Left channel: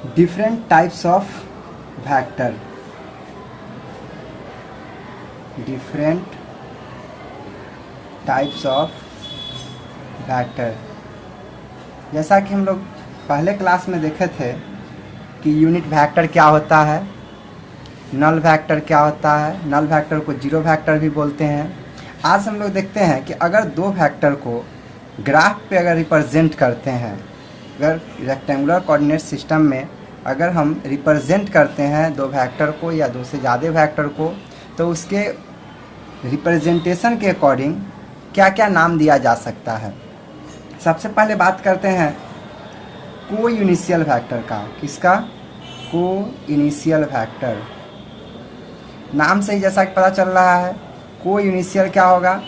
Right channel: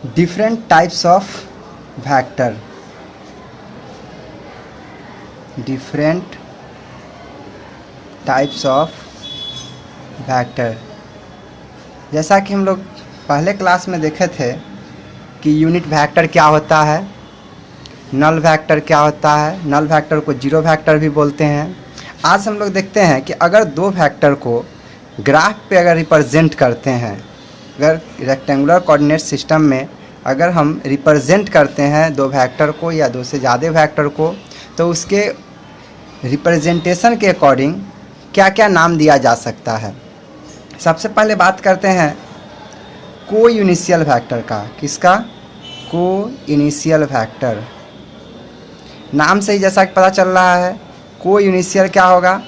different types of vector, different types of vector। जैसा कि हम लोग पहले क्लास में देखे थे कि यूनिट वेक्टर क्या होता है, नल वेक्टर क्या होता है, नल वेक्टर को जीरो वेक्टर भी बोलते हैं। आज हम लोग देखते हैं कि अगर दो वेक्टर को ग्राफ पे अगर रिप्रेजेंट करते हैं, अगर रेक्टेंगुलर कोऑर्डिनेट सिस्टम में अगर हम रिप्रेजेंट करते हैं दो वेक्टर को या दो से ज़्यादा वेक्टर को, तो उसके रिप्रेजेंटेशन के अकॉर्डिंग क्या क्या नाम दिया जा सकता है। सबसे पहले बात करते हैं को इनिशियल वेक्टर का। किसका? को इनिशियल वेक्टर। नाम से ही जैसा कि पता चल रहा है, को इनिशियल क्या होगा?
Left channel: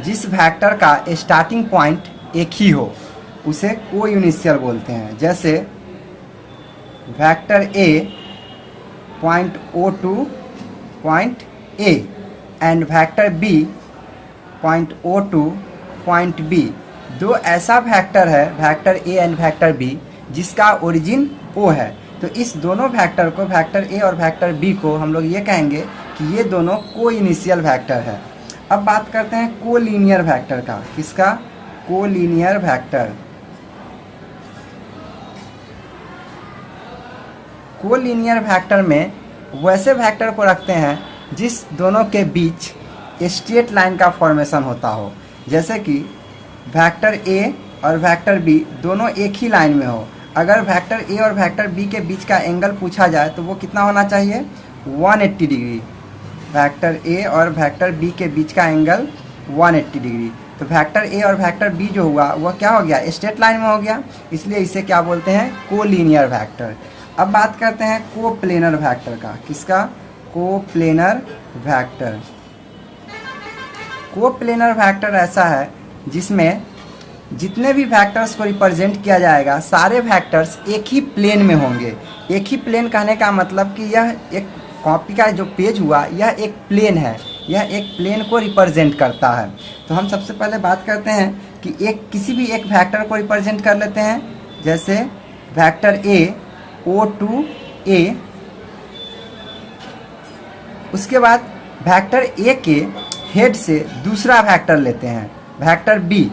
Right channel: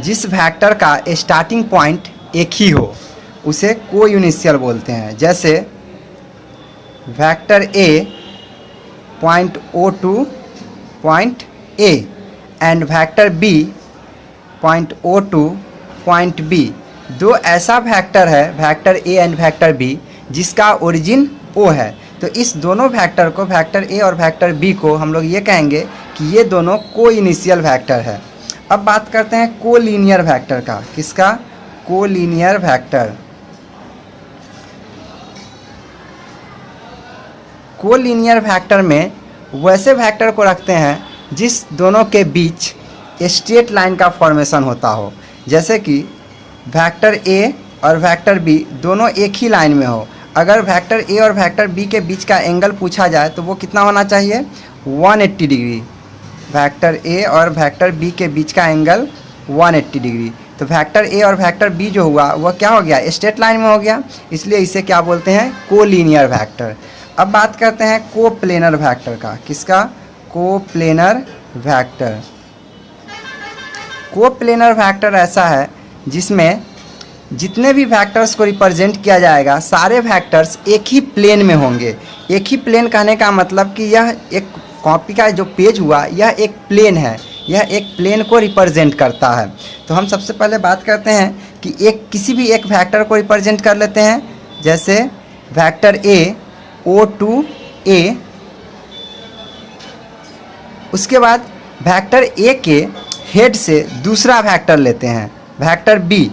जिस वेक्टर का स्टार्टिंग पॉइंट एक ही हो उसे को इनिशियल बोलते हैं। जैसे vector A point O to point A and vector B point O to point B. दो ऐसा वेक्टर है, vector A and vector B, जिसका ओरिजिन ओ है। तो इस दोनों वेक्टर को, वेक्टर ए और वेक्टर बी को हम लोग ये कहेंगे कि ये दोनों को इनिशियल वेक्टर है। अब बात करते हैं को लीनियर वेक्टर का। किसका? को लीनियर वेक्टर। को लीनियर वेक्टर में वैसे वेक्टर को रखते हैं जिस दोनों के बीच स्ट्रेट लाइन का फॉर्मेशन होता हो। जैसे कि वेक्टर ए और वेक्टर बी दोनों एक ही लाइन में हो। अगर वेक्टर ए और वेक्टर बी के बीच का एंगल पूछा जाए तो वो कितना होना चाहिए? 180 डिग्री। वेक्टर ए और वेक्टर बी के बीच का एंगल 180 डिग्री। तो वेक्टर ए और वेक्टर बी जो हुआ वह क्या हो गया? स्ट्रेट लाइन में हो गया, इसलिए इसे क्या बोलते हैं? को लीनियर वेक्टर। अब बात करते हैं को प्लेनर वेक्टर का। किसका? को प्लेनर वेक्टर। को प्लेनर वेक्टर ऐसा है जिसमें जितने भी वेक्टर्स को रिप्रेजेंट किया जाएगा सारे वेक्टर्स एक ही प्लेन में होंगे। एक ही प्लेन कहने का मतलब कि यह एक कॉपी का जो पेज हुआ यह एक प्लेन है, यह एक प्लेन को रिप्रेजेंट करता है। तो हम सबसे पहले बात करते हैं कि किसी भी एक वेक्टर को रिप्रेजेंट कर लेते हैं। जैसे वेक्टर ए ओ टू ए, उसके बाद वेक्टर ए के हेड से दूसरा वेक्टर लेते हैं, वेक्टर बी,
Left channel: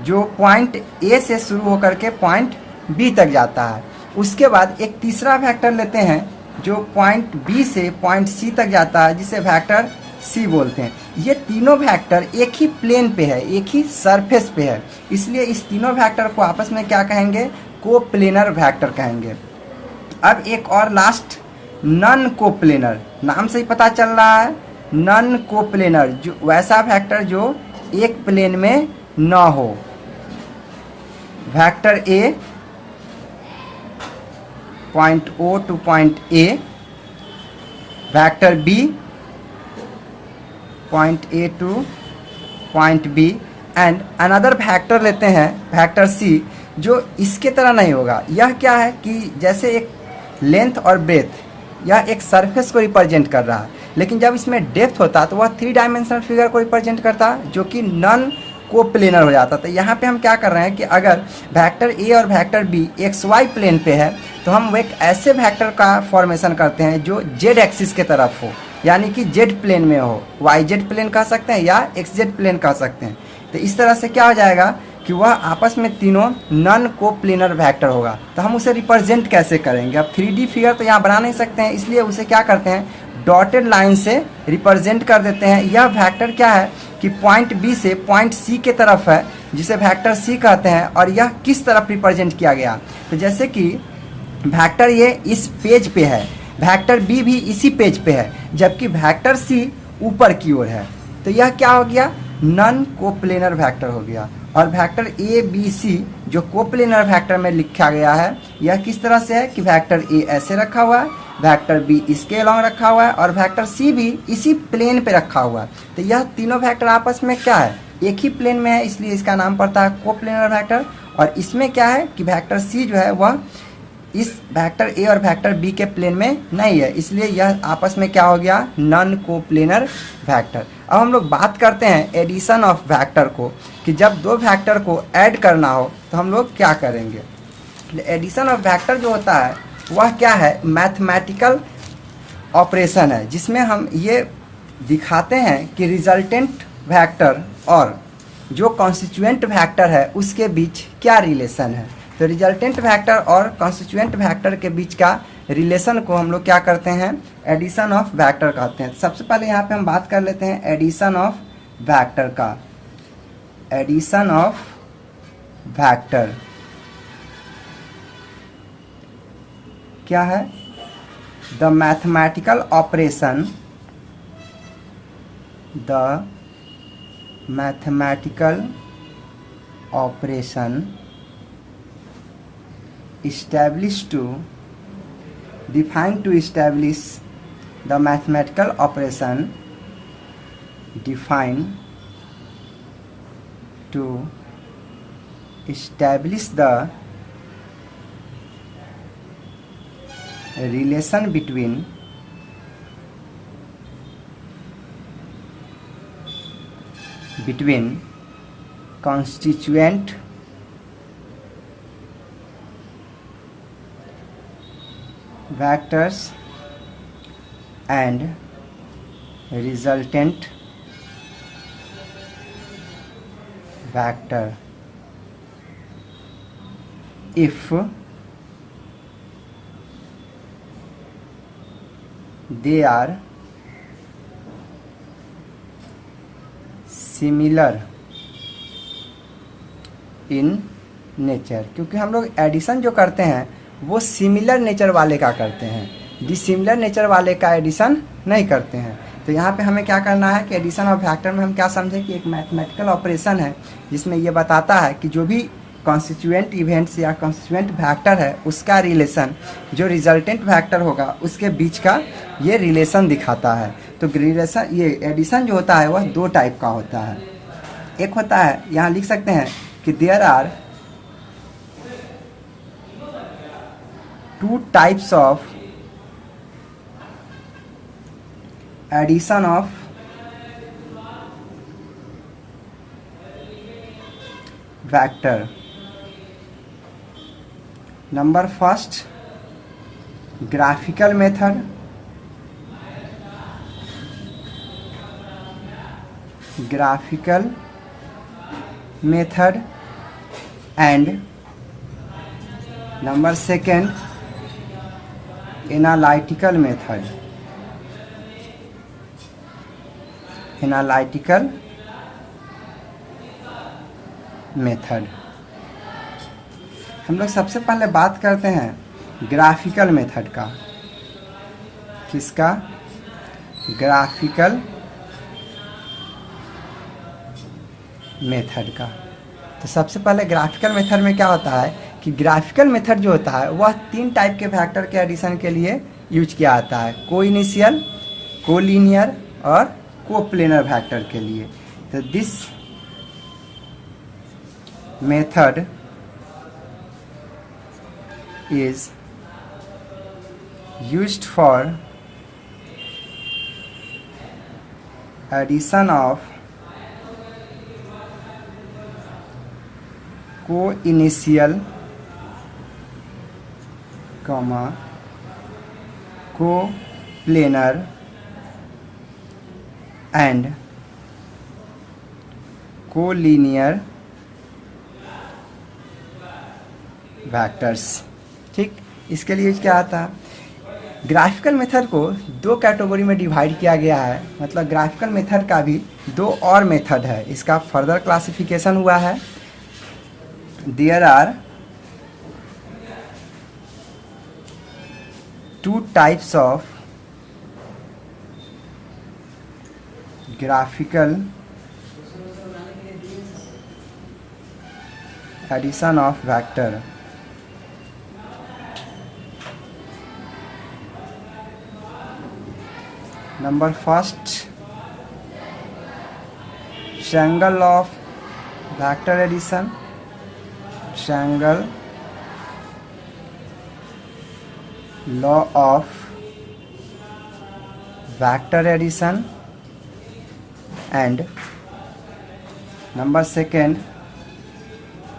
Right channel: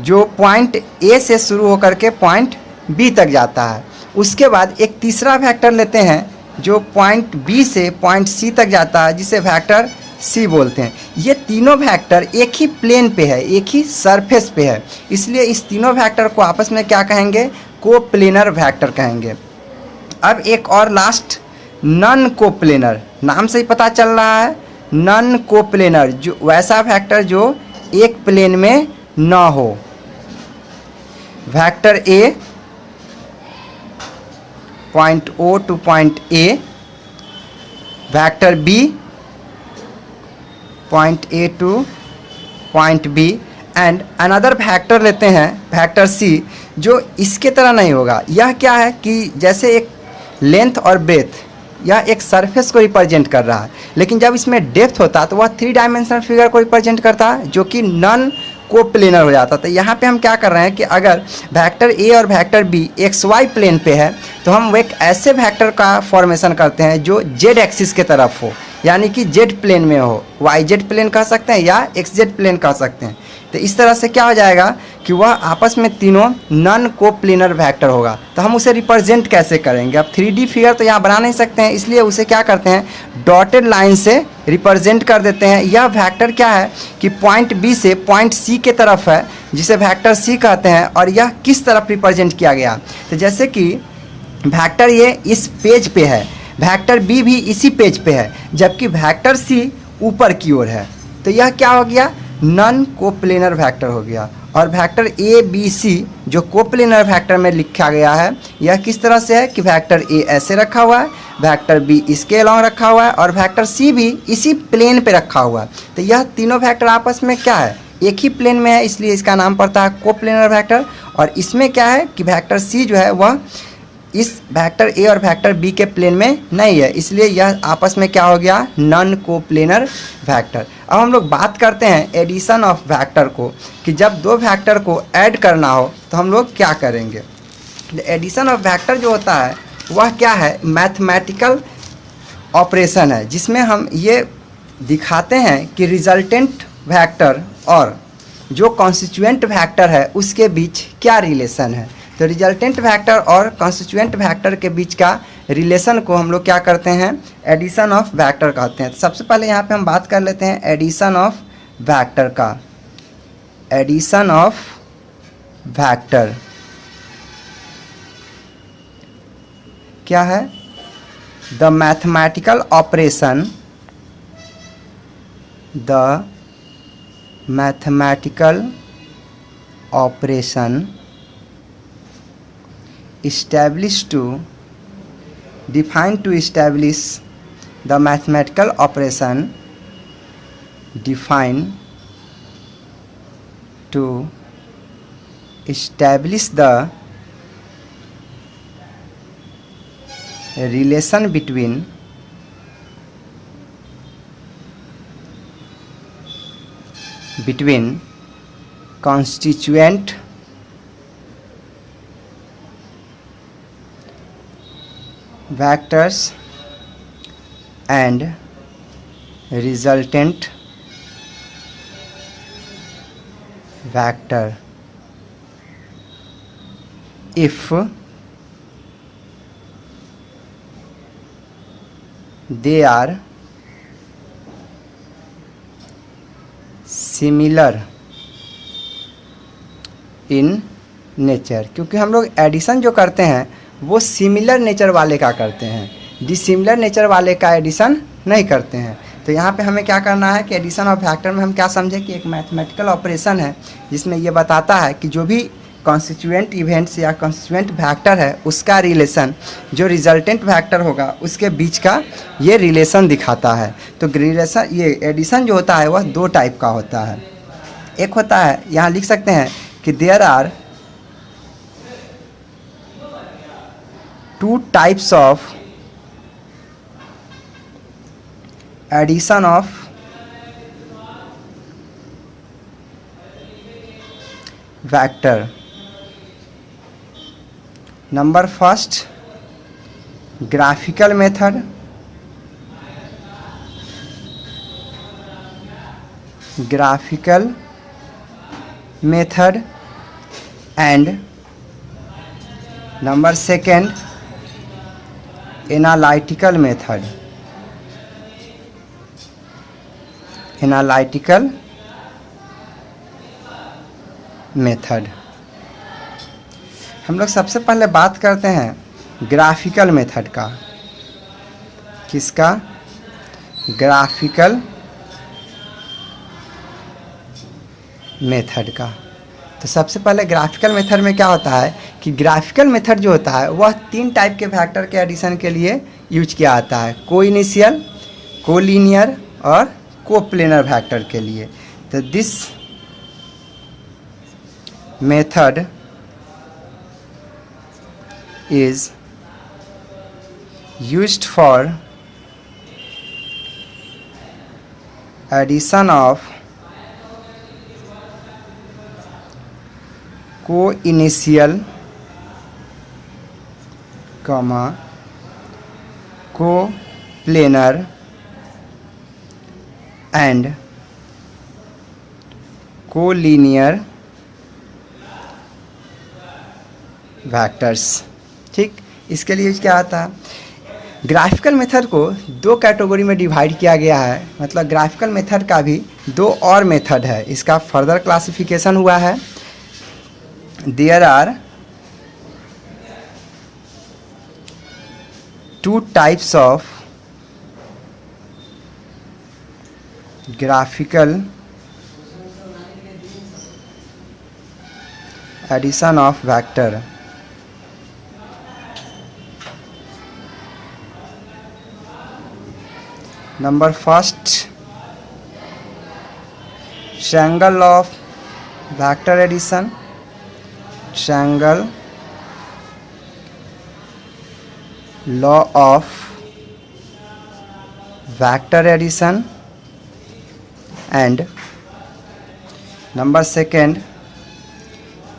जो पॉइंट ए से शुरू होकर के पॉइंट बी तक जाता है। उसके बाद एक तीसरा वेक्टर लेते हैं जो पॉइंट बी से पॉइंट सी तक जाता है, जिसे वेक्टर सी बोलते हैं। ये तीनों वेक्टर एक ही प्लेन पे है, एक ही सरफेस पे है, इसलिए इस तीनों वेक्टर को आपस में क्या कहेंगे? को प्लेनर वेक्टर कहेंगे। अब एक और लास्ट, नॉन को प्लेनर। नाम से ही पता चल रहा है, नॉन को प्लेनर, जो वैसा वेक्टर जो एक प्लेन में ना हो। Vector A point O to point A, vector B point A to point B, and another vector लेते हैं वेक्टर सी, जो इसके तरह नहीं होगा। यह क्या है कि जैसे एक लेंथ और ब्रेथ, यह एक सरफेस को रिप्रेजेंट कर रहा है, लेकिन जब इसमें डेप्थ होता है तो वह 3 डायमेंशनल फिगर को रिप्रेजेंट करता है, जो कि नॉन को प्लेनर हो जाता है। तो यहाँ पे हम क्या कर रहे हैं कि अगर वेक्टर ए और vector B X Y plane पे है तो हम एक ऐसे वेक्टर का फॉर्मेशन करते हैं जो जेड एक्सिस के तरफ हो, यानी कि जेड प्लेन में हो। वाई जेड प्लेन कह सकते हैं या एक्स जेड प्लेन कह सकते हैं। तो इस तरह से क्या हो जाएगा कि वह आपस में तीनों नॉन को प्लेनर वेक्टर होगा। तो हम उसे रिप्रेजेंट कैसे करेंगे? अब 3D फिगर तो यहाँ बना नहीं सकते हैं, इसलिए उसे क्या करते हैं? डॉटेड लाइन से रिप्रेजेंट कर देते हैं। यह वेक्टर क्या है कि पॉइंट बी से पॉइंट सी के तरफ है, जिसे वेक्टर सी कहते हैं, और यह किस तरफ रिप्रेजेंट किया गया? तो जैसे कि वेक्टर ये इस पेज पे है, वेक्टर बी भी इसी पेज पे है, जबकि वेक्टर सी ऊपर की ओर है। तो यह क्या हो गया? नॉन कोप्लेनर वेक्टर हो गया। और वेक्टर ए बी सी जो कोप्लेनर वेक्टर में लिखा गया है, यह किस तरह से है कि वेक्टर ए ऐसे रखा हुआ है, वेक्टर बी इसके अलावा रखा हुआ है, और वेक्टर सी भी इसी प्लेन पे रखा हुआ है। तो यह तीनों वेक्टर आपस में क्या है? एक ही प्लेन में है, इसलिए इसका नाम पड़ता है कोप्लेनर वेक्टर। और इसमें क्या है कि वेक्टर सी जो है वह इस वेक्टर ए और वेक्टर बी के प्लेन में नहीं है, इसलिए यह आपस में क्या हो गया? Non coplanar vector. अब हम लोग बात करते हैं एडिशन ऑफ वेक्टर को, कि जब दो वेक्टर को ऐड करना हो तो हम लोग क्या करेंगे। एडिशन ऑफ वेक्टर जो होता है वह क्या है, मैथमेटिकल ऑपरेशन है, जिसमें हम ये दिखाते हैं कि रिजल्टेंट वेक्टर और जो कॉन्स्टिट्यूएंट वेक्टर है उसके बीच क्या रिलेशन है। तो रिजल्टेंट वेक्टर और कॉन्स्टिट्यूएंट वेक्टर के बीच का रिलेशन को हम लोग क्या करते हैं, एडिशन ऑफ वेक्टर कहते हैं। सबसे पहले यहाँ पे हम बात कर लेते हैं एडिशन ऑफ वेक्टर का। एडिशन ऑफ वेक्टर क्या है, the mathematical operation, the mathematical operation established to define to establish the mathematical operation define to establish the relation between constituent vectors and resultant vector if they are similar in nature. क्योंकि हम लोग addition जो करते हैं वो similar nature वाले का करते हैं, डिसिमिलर नेचर वाले का एडिशन नहीं करते हैं। तो यहाँ पे हमें क्या करना है कि एडिशन ऑफ वेक्टर में हम क्या समझें कि एक मैथमेटिकल ऑपरेशन है जिसमें ये बताता है कि जो भी कॉन्स्टिट्यूएंट इवेंट्स या कॉन्स्टिट्यूएंट वेक्टर है उसका रिलेशन जो रिजल्टेंट वेक्टर होगा उसके बीच का ये रिलेशन दिखाता है। तो रिलेशन, ये एडिशन जो होता है वह दो टाइप का होता है। एक होता है, यहाँ लिख सकते हैं कि there are two types of addition of vector. Number first, graphical method, graphical method and number second, analytical method. Analytical method. हम लोग सबसे पहले बात करते हैं ग्राफिकल मेथड का। किसका? ग्राफिकल मेथड का। तो सबसे पहले ग्राफिकल मेथड में क्या होता है कि ग्राफिकल मेथड जो होता है वह तीन टाइप के फैक्टर के एडिशन के लिए यूज किया जाता है, कोइनिशियल, कोलिनियर और कोप्लेनर फैक्टर के लिए। तो this method is used for addition of co-initial, co-planar and collinear vectors। ठीक, इसके लिए क्या आता है, ग्राफिकल मेथड को दो कैटेगरी में डिवाइड किया गया है। मतलब ग्राफिकल मेथड का भी दो और मेथड है, इसका फर्दर क्लासिफिकेशन हुआ है। There are two types of graphical addition of vector. Number first, triangle of vector addition, triangle law of vector addition and number second,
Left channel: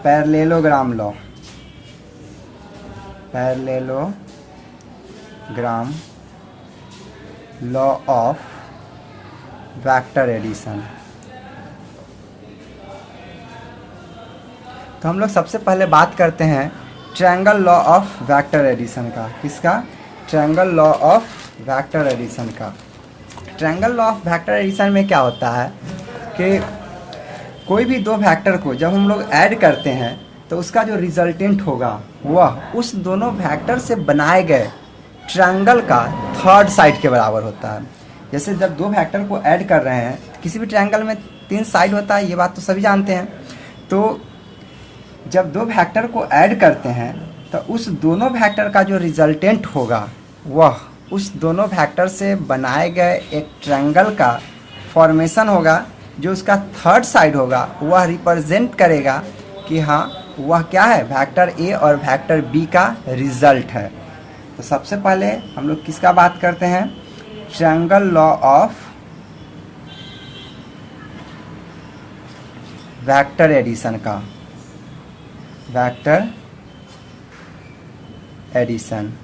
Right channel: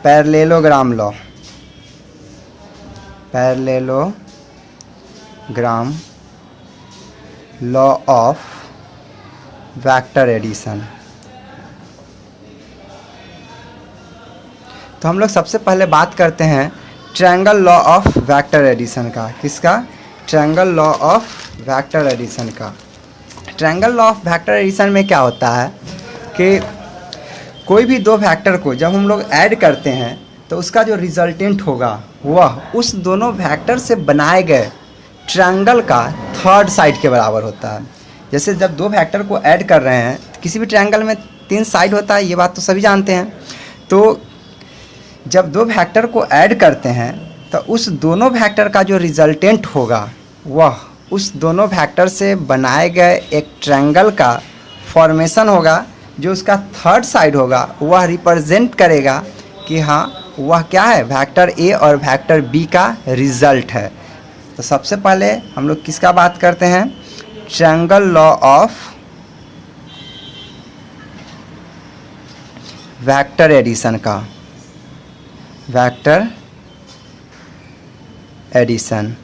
parallelogram law. Parallelogram law of vector addition. तो हम लोग सबसे पहले बात करते हैं triangle law of vector addition का। किसका? Triangle law of vector addition का। Triangle law of vector addition में क्या होता है कि कोई भी दो वेक्टर को जब हम लोग ऐड करते हैं तो उसका जो रिजल्टेंट होगा वह उस दोनों वेक्टर से बनाए गए ट्रायंगल का थर्ड साइड के बराबर होता है। जैसे जब दो वेक्टर को ऐड कर रहे हैं, किसी भी ट्रायंगल में 3 साइड होता है, ये बात तो सभी जानते हैं। तो जब दो वेक्टर को ऐड करते हैं तो उस दोनों वेक्टर का जो रिजल्टेंट होगा वह उस दोनों वेक्टर से बनाए गए एक ट्रायंगल का फॉर्मेशन होगा। जो उसका थर्ड साइड होगा वह रिप्रेजेंट करेगा कि हाँ वह क्या है, वेक्टर ए और वेक्टर बी का रिजल्ट है। तो सबसे पहले हम लोग किसका बात करते हैं? Triangle law of vector addition का। Vector addition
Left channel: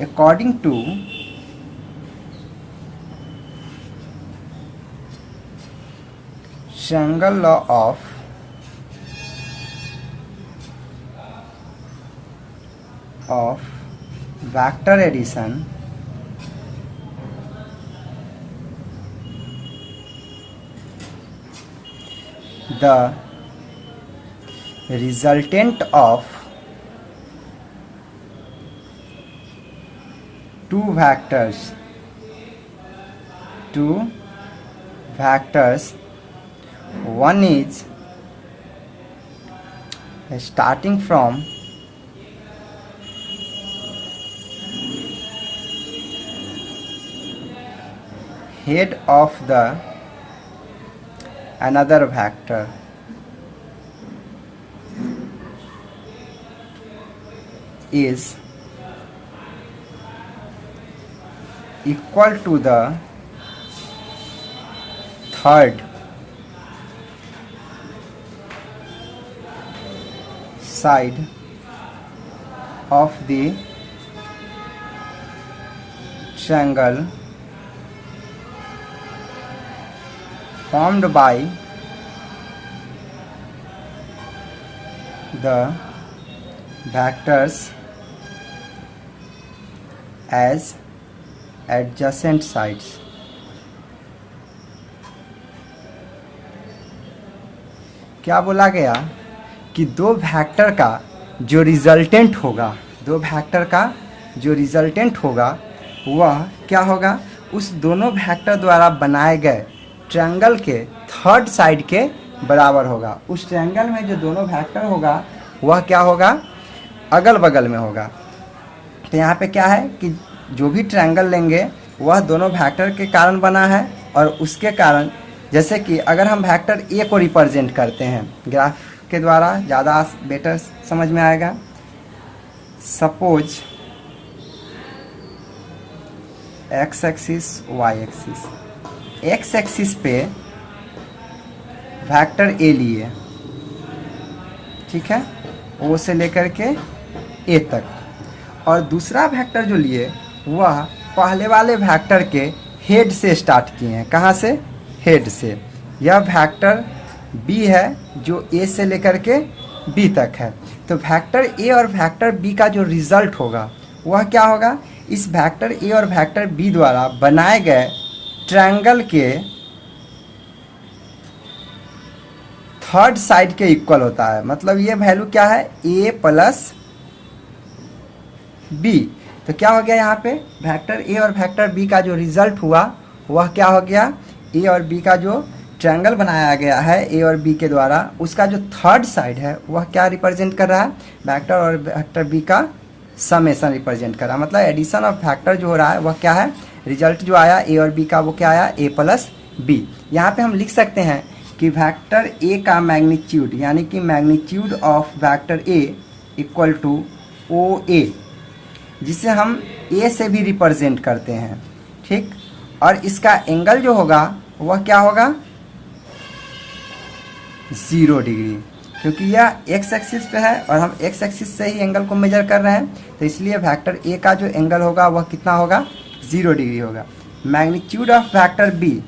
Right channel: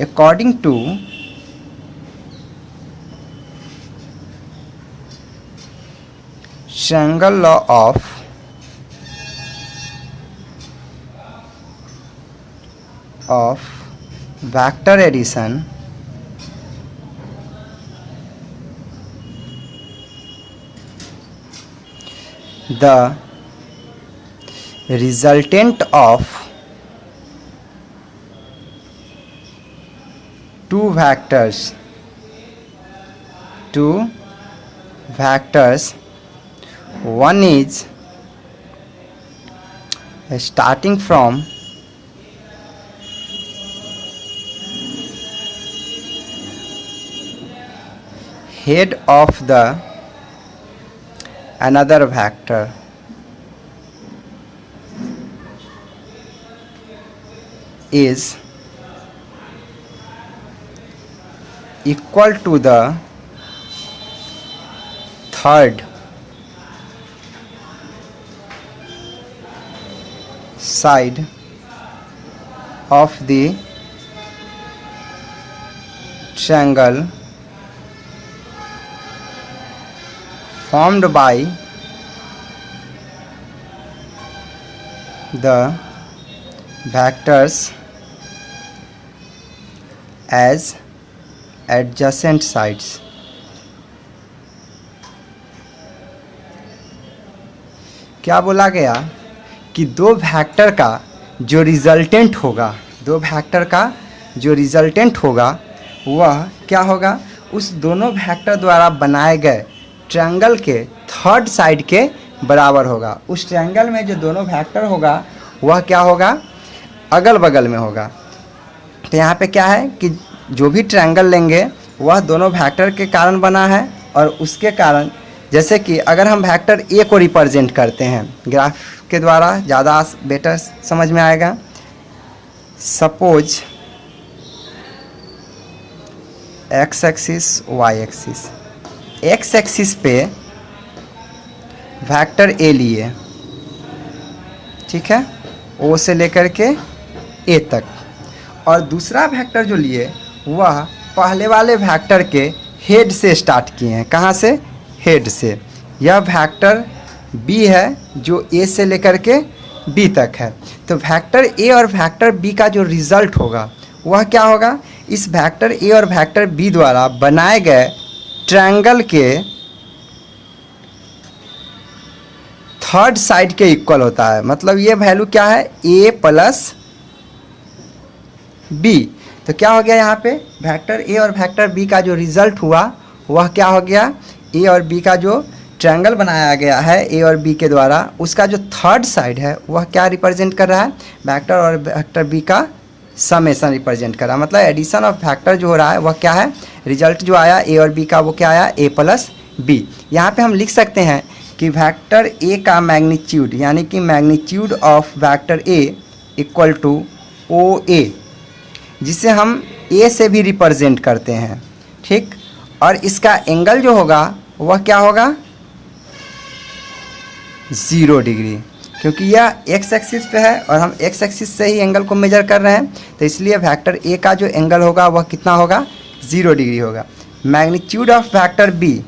according to triangle law of vector addition, the resultant of two vectors, one is starting from head of the another vector is equal to the third side of the triangle formed by the vectors as adjacent sides। क्या बोला गया कि दो vector का जो resultant होगा, दो vector का जो रिजल्टेंट होगा वह क्या होगा, उस दोनों वेक्टर द्वारा बनाए गए ट्रायंगल के थर्ड साइड के बराबर होगा। उस ट्रायंगल में जो दोनों वेक्टर होगा वह क्या होगा, अगल बगल में होगा। तो यहाँ पे क्या है कि जो भी ट्रायंगल लेंगे वह दोनों वेक्टर के कारण बना है और उसके कारण, जैसे कि अगर हम वेक्टर ए को रिप्रेजेंट करते हैं ग्राफ के द्वारा, ज़्यादा बेटर समझ में आएगा। Suppose X axis Y axis, X axis पे वेक्टर ए लिए, ठीक है, ओ से लेकर के ए तक, और दूसरा वेक्टर जो लिए वह पहले वाले वेक्टर के हेड से स्टार्ट किए हैं। कहाँ से? हेड से। यह वेक्टर बी है जो ए से लेकर के बी तक है। तो वेक्टर ए और वेक्टर बी का जो रिजल्ट होगा वह क्या होगा, इस वेक्टर ए और वेक्टर बी द्वारा बनाए गए ट्रायंगल के थर्ड साइड के इक्वल होता है। मतलब ये वैल्यू क्या है, ए प्लस बी। तो क्या हो गया यहाँ पे, वेक्टर ए और वेक्टर बी का जो रिजल्ट हुआ वह क्या हो गया, ए और बी का जो ट्रायंगल बनाया गया है ए और बी के द्वारा, उसका जो थर्ड साइड है वह क्या रिप्रेजेंट कर रहा है, वेक्टर और वेक्टर बी का समेशन रिप्रेजेंट कर रहा है। मतलब एडिशन ऑफ वेक्टर जो हो रहा है वह क्या है, रिजल्ट जो आया ए और बी का वो क्या आया, ए प्लस बी। यहाँ पे हम लिख सकते हैं कि वेक्टर ए का मैग्नीट्यूड, यानी कि magnitude of vector A equal to O A, जिसे हम ए से भी रिप्रेजेंट करते हैं, ठीक। और इसका एंगल जो होगा वह क्या होगा, 0 डिग्री। क्योंकि यह एक्स एक्सिस पे है और हम एक्स एक्सिस से ही एंगल को मेजर कर रहे हैं, तो इसलिए वेक्टर ए का जो एंगल होगा वह कितना होगा, 0 डिग्री होगा। मैग्नीट्यूड ऑफ वेक्टर बी,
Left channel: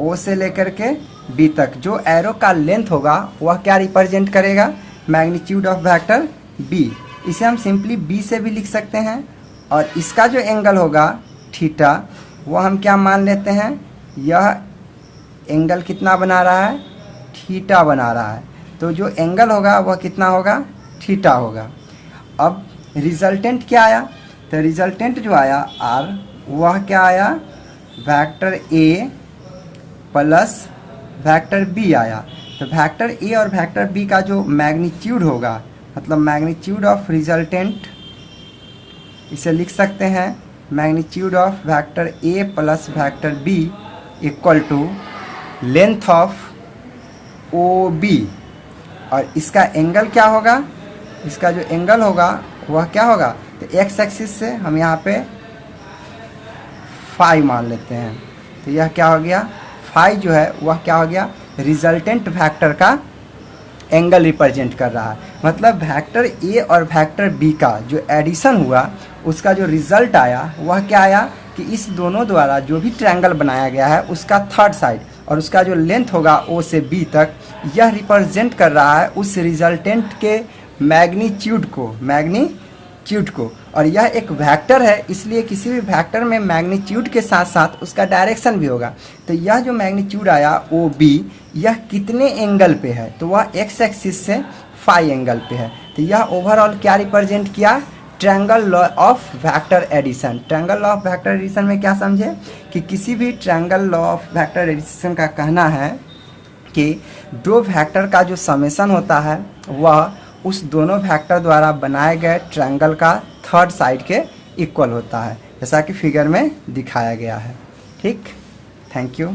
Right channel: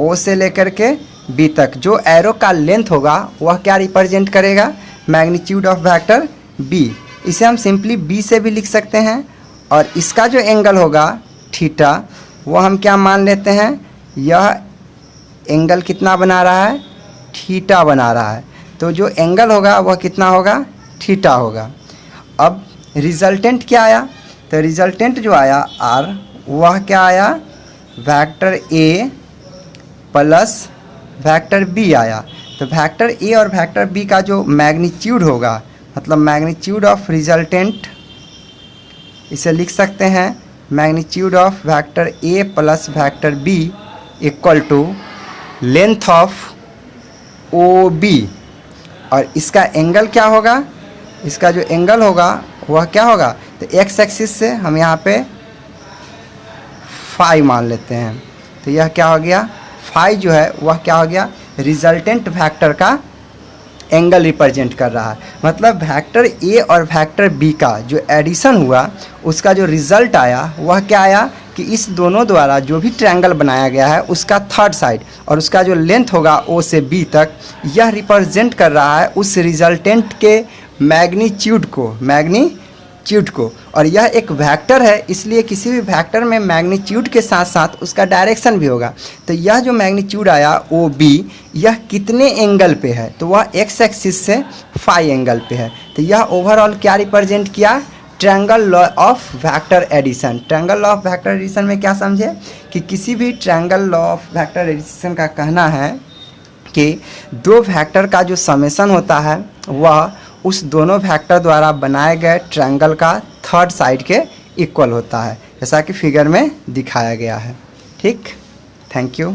ओ से लेकर के बी तक जो एरो का लेंथ होगा वह क्या रिप्रेजेंट करेगा, मैग्नीट्यूड ऑफ वेक्टर बी। इसे हम सिंपली बी से भी लिख सकते हैं, और इसका जो एंगल होगा थीटा, वो हम क्या मान लेते हैं, यह एंगल कितना बना रहा है, थीटा बना रहा है। तो जो एंगल होगा वह कितना होगा, थीटा होगा। अब रिजल्टेंट क्या आया, तो रिजल्टेंट जो आया आर, वह क्या आया, vector A plus vector B आया। तो वेक्टर ए और वेक्टर बी का जो मैग्नीट्यूड होगा, मतलब मैग्नीट्यूड ऑफ रिजल्टेंट, इसे लिख सकते हैं magnitude of vector A plus vector B equal to length of O B, और इसका एंगल क्या होगा, इसका जो एंगल होगा वह क्या होगा, तो एक्स एक्सिस से हम यहाँ पे फाई मान लेते हैं। तो यह क्या हो गया, फाई जो है वह क्या हो गया, रिजल्टेंट वेक्टर का एंगल रिप्रेजेंट कर रहा है। मतलब वेक्टर ए और वेक्टर बी का जो एडिशन हुआ, उसका जो रिजल्ट आया वह क्या आया कि इस दोनों द्वारा जो भी ट्रायंगल बनाया गया है उसका थर्ड साइड और उसका जो लेंथ होगा ओ से बी तक, यह रिप्रेजेंट कर रहा है उस रिजल्टेंट के मैग्नीट्यूड को। और यह एक वेक्टर है, इसलिए किसी भी वेक्टर में मैग्नीट्यूड के साथ साथ उसका डायरेक्शन भी होगा। तो यह जो मैग्नीट्यूड आया ओ बी, यह कितने एंगल पे है, तो वह एक्स एक्सिस से फाई एंगल पे है। तो यह ओवरऑल क्या रिप्रेजेंट किया, triangle law of vector addition. Triangle law of vector addition में क्या समझे कि किसी भी triangle law of vector addition का कहना है कि दो वेक्टर का जो समेशन होता है वह उस दोनों वेक्टर द्वारा बनाए गए ट्रायंगल का थर्ड साइड के इक्वल होता है, जैसा कि फिगर में दिखाया गया है। ठीक, थैंक यू।